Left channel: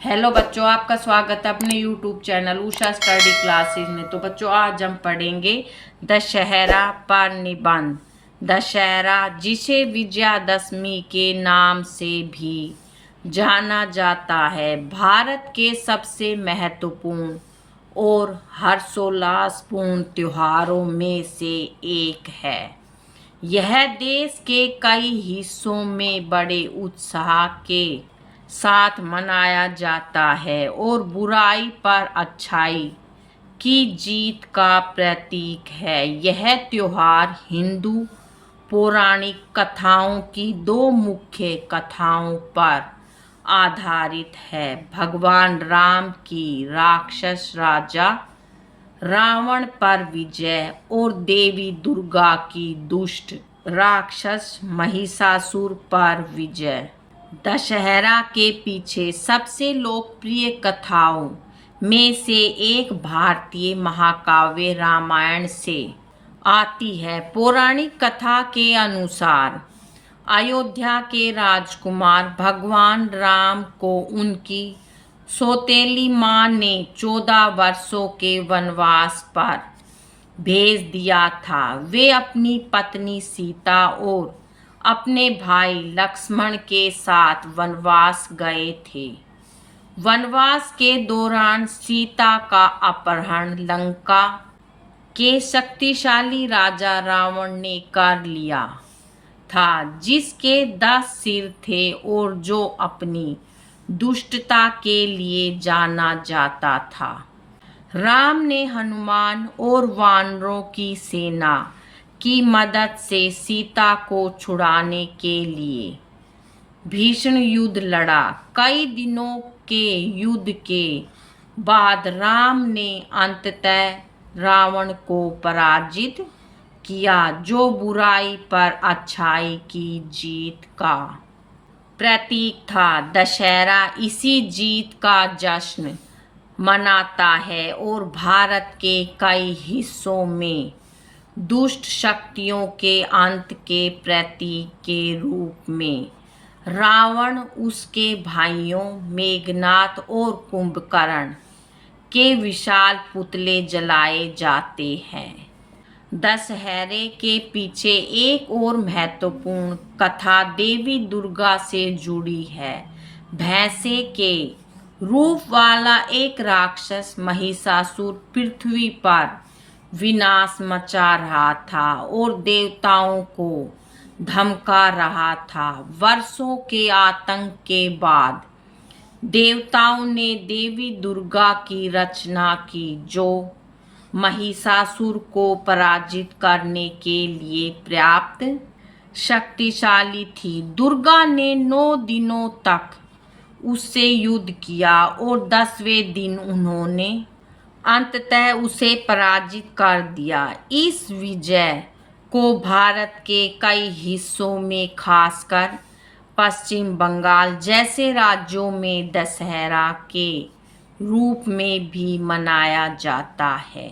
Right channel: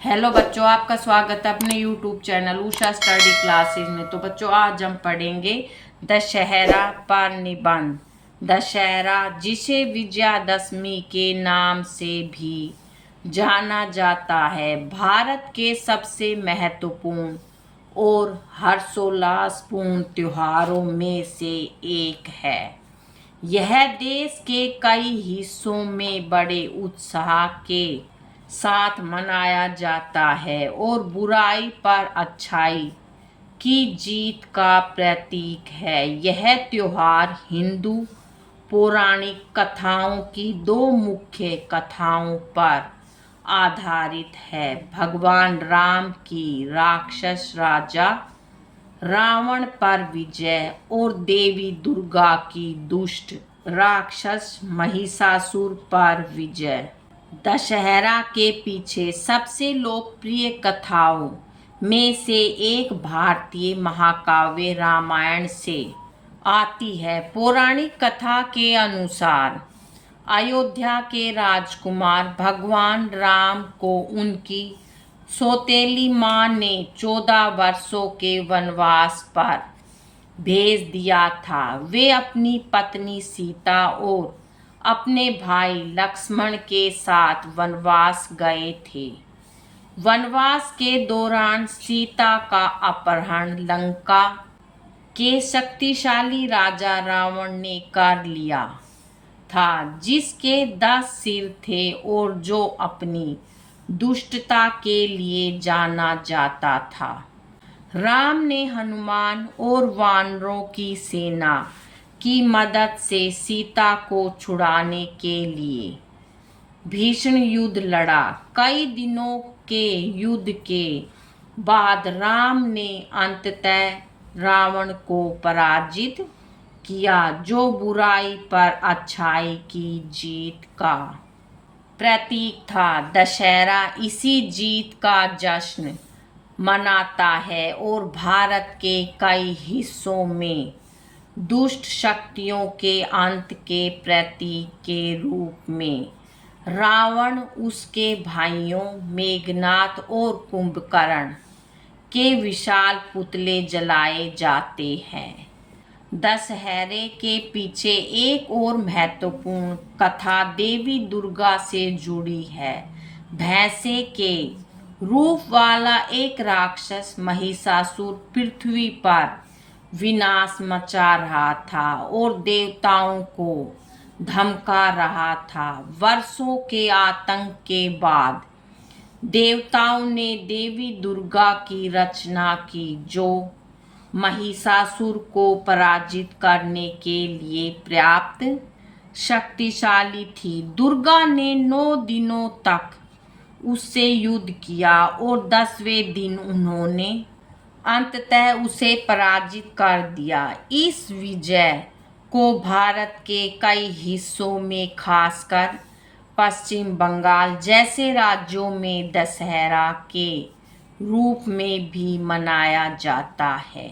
Hello बच्चों, आपका स्वागत है अपने YouTube channel Usha study classes में। तो बच्चों, आज हम पढ़ेंगे दशहरा पर निबंध। दशहरा, जिसे विजयादशमी के नाम से भी जाना जाता है, भारत के सबसे महत्वपूर्ण और हर्षोल्लासपूर्ण त्योहारों में से एक है। यह देश के कई हिस्सों में बड़े उत्साह के साथ मनाया जाता है और बुराई पर अच्छाई की जीत का प्रतीक है। यह त्योहार हिंदू पौराणिक कथाओं की दो मुख्य कथाओं पर आधारित है। भगवान राम की राक्षस राजा रावण पर विजय और देवी दुर्गा की दुष्ट राक्षस महिषासुर पर विजय। दशहरा के पीछे सबसे लोकप्रिय कथाओं में से एक भारतीय महाकाव्य रामायण से आती है। पौराणिक कथा के अनुसार अयोध्या के राजकुमार भगवान राम को उनकी सौतेली माँ ने 14 वर्षों के वनवास पर भेज दिया था। वे अपनी पत्नी सीता और अपने भाई लक्ष्मण के साथ वनवास गए थे। वनवास के दौरान सीता का अपहरण लंका के शक्तिशाली राजा रावण ने कर लिया था, जिसके 10 सिर थे और जो अपनी दुष्टता के लिए जाना जाता था। राम ने हनुमान और वानरों की सेना की मदद से सीता को छुड़ाने के लिए भीषण युद्ध लड़ा। कई दिनों के युद्ध के बाद राम ने अंततः रावण को पराजित किया, जो बुराई पर अच्छाई की जीत का प्रतीक था। दशहरा इसी जीत का जश्न मनाता है और भारत के कई हिस्सों में दुष्ट शक्तियों के अंत के प्रतीक के रूप में रावण, उसके भाइयों मेघनाद और कुंभकर्ण के विशाल पुतले जलाए जाते हैं। दशहरे के पीछे एक और महत्वपूर्ण कथा देवी दुर्गा से जुड़ी है। भैंसे के रूप वाला एक राक्षस महिषासुर पृथ्वी पर विनाश मचा रहा था और देवताओं को धमका रहा था। वर्षों के आतंक के बाद देवताओं ने देवी दुर्गा की रचना की, जो महिषासुर को पराजित करने के लिए पर्याप्त शक्तिशाली थी। दुर्गा ने 9 दिनों तक उससे युद्ध किया और 10वें दिन उन्होंने अंततः उसे पराजित कर दिया। इस विजय को भारत के कई हिस्सों में, खासकर पश्चिम बंगाल जैसे राज्यों में दशहरा के रूप में भी मनाया जाता है।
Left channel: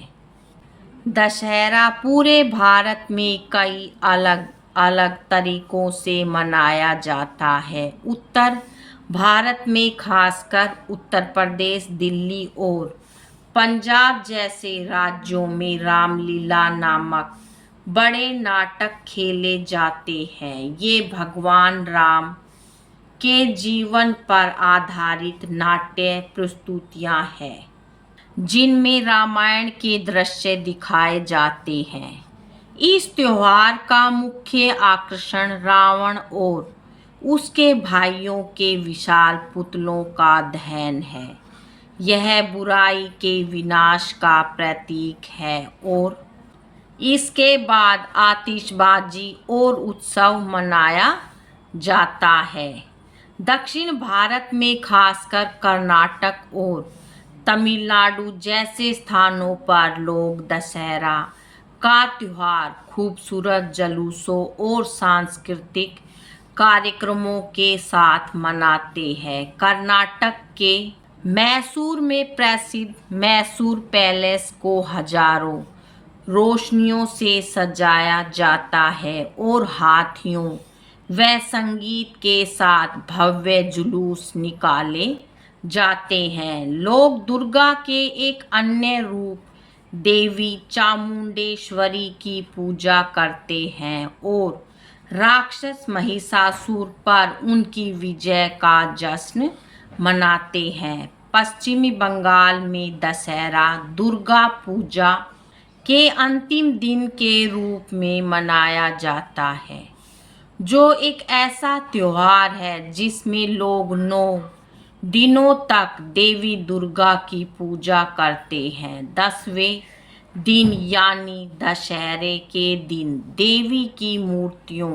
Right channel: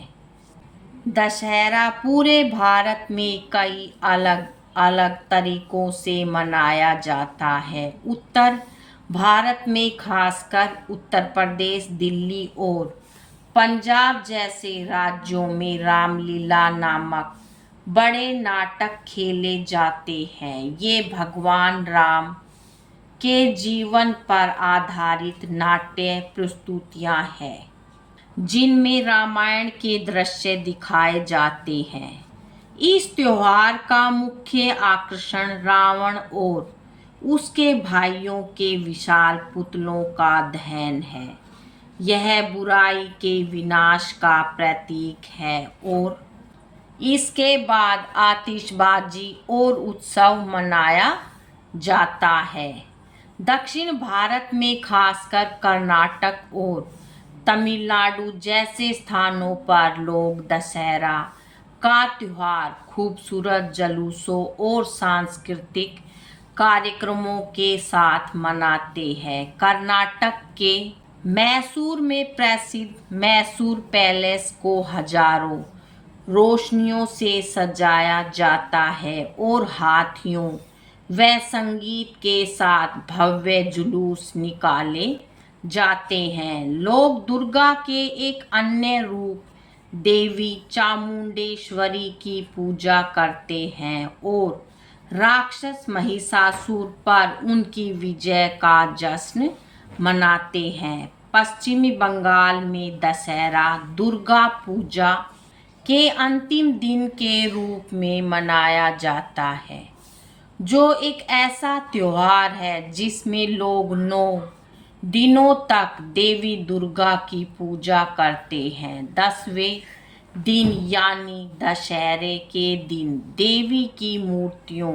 दशहरा पूरे भारत में कई अलग अलग तरीकों से मनाया जाता है। उत्तर भारत में खासकर उत्तर प्रदेश, दिल्ली और पंजाब जैसे राज्यों में रामलीला नामक बड़े नाटक खेले जाते हैं। ये भगवान राम के जीवन पर आधारित नाट्य प्रस्तुतियां हैं, जिनमें रामायण के दृश्य दिखाए जाते हैं। इस त्योहार का मुख्य आकर्षण रावण और उसके भाइयों के विशाल पुतलों का दहन है। यह बुराई के विनाश का प्रतीक है और इसके बाद आतिशबाजी और उत्सव मनाया जाता है। दक्षिण भारत में खासकर कर्नाटक और तमिलनाडु जैसे स्थानों पर लोग दशहरा का त्योहार खूबसूरत जुलूसों और सांस्कृतिक कार्यक्रमों के साथ मनाते हैं। कर्नाटक के मैसूर में प्रसिद्ध मैसूर पैलेस को हजारों रोशनियों से सजाया जाता है और हाथियों व संगीत के साथ भव्य जुलूस निकाले जाते हैं। लोग दुर्गा के एक अन्य रूप देवी चामुंडेश्वरी की पूजा करते हैं और राक्षस महिषासुर पर उनकी विजय का जश्न मनाते हैं। पश्चिमी बंगाल में दशहरा दुर्गा पूजा के अंतिम दिन के रूप में मनाया जाता है, जो एक ऐसा त्योहार है जिसमें लोग 9 दिनों तक देवी दुर्गा की पूजा करते हैं। 10वें दिन यानी दशहरे के दिन देवी की मूर्तियों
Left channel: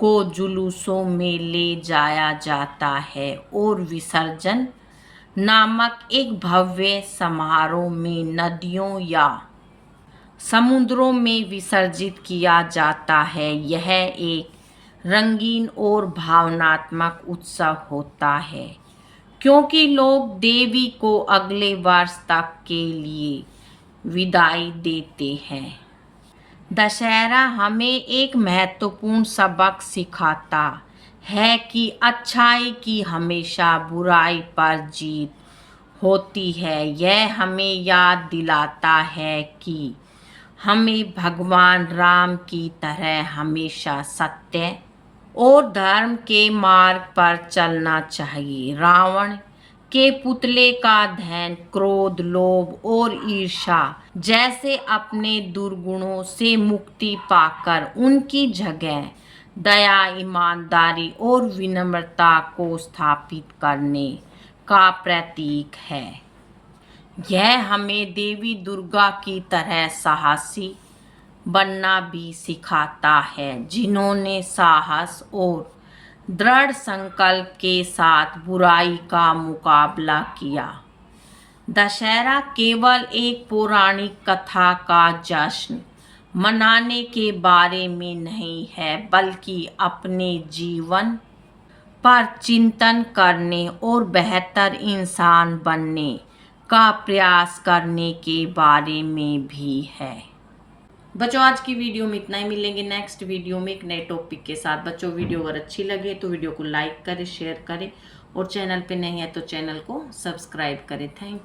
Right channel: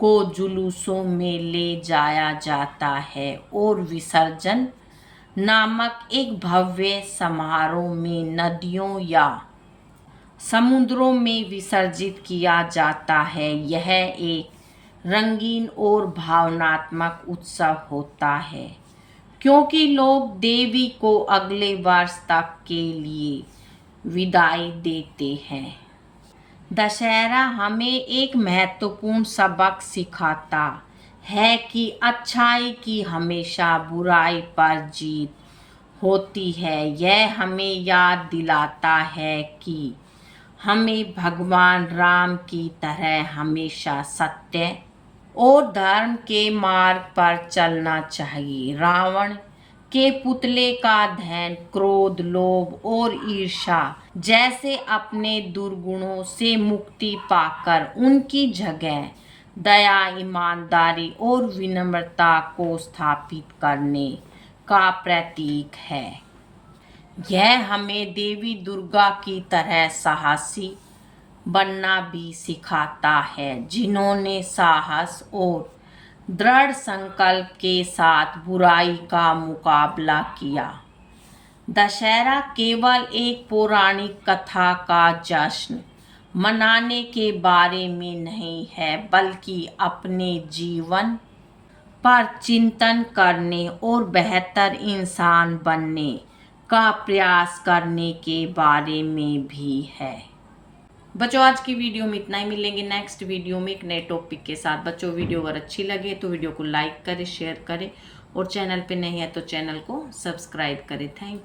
को जुलूसों में ले जाया जाता है और विसर्जन नामक एक भव्य समारोह में नदियों या समुद्रों में विसर्जित किया जाता है। यह एक रंगीन और भावनात्मक उत्सव होता है क्योंकि लोग देवी को अगले वर्ष तक के लिए विदाई देते हैं। दशहरा हमें एक महत्वपूर्ण सबक सिखाता है कि अच्छाई की हमेशा बुराई पर जीत होती है। यह हमें याद दिलाता है कि हमें भगवान राम की तरह हमेशा सत्य और धर्म के मार्ग पर चलना चाहिए। रावण के पुतले का दहन क्रोध, लोभ और ईर्ष्या जैसे अपने दुर्गुणों से मुक्ति पाकर उनकी जगह दया, ईमानदारी और विनम्रता को स्थापित करने का प्रतीक है। यह हमें देवी दुर्गा की तरह साहसी बनना भी सिखाता है, जिन्होंने साहस और दृढ़ संकल्प के साथ बुराई का मुकाबला किया। दशहरा केवल एक पौराणिक कथा का जश्न मनाने के बारे में नहीं है, बल्कि अपने जीवन पर चिंतन करने और बेहतर इंसान बनने का प्रयास करने के बारे में भी है। बच्चों, आज की वीडियो में इतना ही। मिलेंगे नेक्स्ट वीडियो में एक नए टॉपिक के साथ। बच्चों, वीडियो अगर अच्छी लगे तो वीडियो को लाइक करें, शेयर करें और चैनल पे नहीं है तो चैनल को सब्सक्राइब करें। Thank you.